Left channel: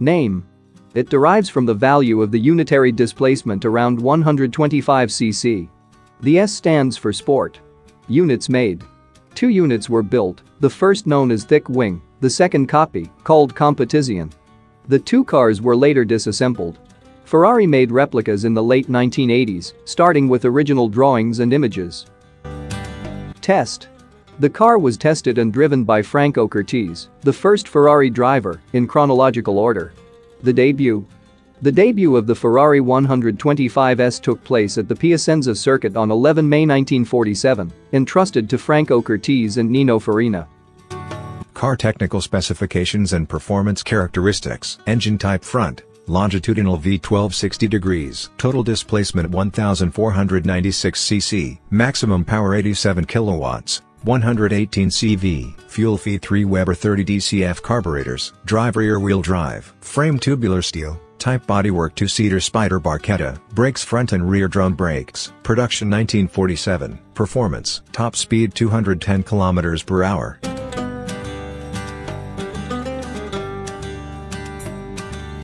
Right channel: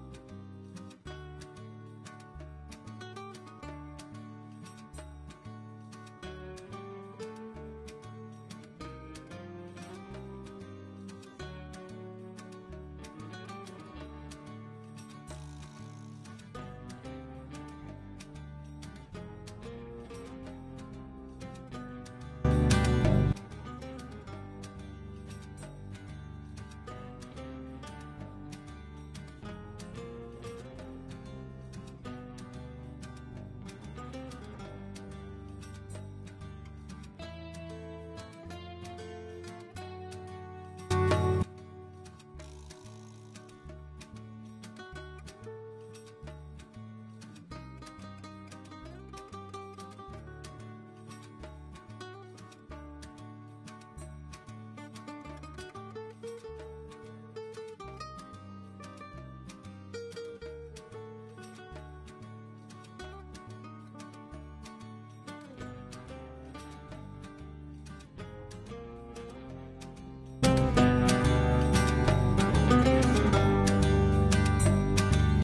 Name. It derives from the value of the unitary displacement around 125 cc. The S stands for sport. Units made. 2 units were built, the first known as thick wing, the second copy, called Competizione. The 2 cars were later disassembled. Ferrari made replicas in the late 1980s, starting with original drawings and images. Test. The car was tested and driven by Franco Cortese, the first Ferrari driver, in chronological order. The debut. The debut of the Ferrari 125S took place at the Piacenza circuit on 11 May 1947, entrusted to Franco Cortese and Nino Farina. Car technical specifications and performance characteristics. Engine type front, longitudinal V12 60 degrees, total displacement 1496 cc, maximum power 87 kilowatts, 118 CV, fuel feed 3 Weber 30 DCF carburetors, drive rear-wheel drive, frame tubular steel, type bodywork 2-seater Spider Barchetta, brakes front and rear drum brakes, production 1947, performance, top speed 210 km/h.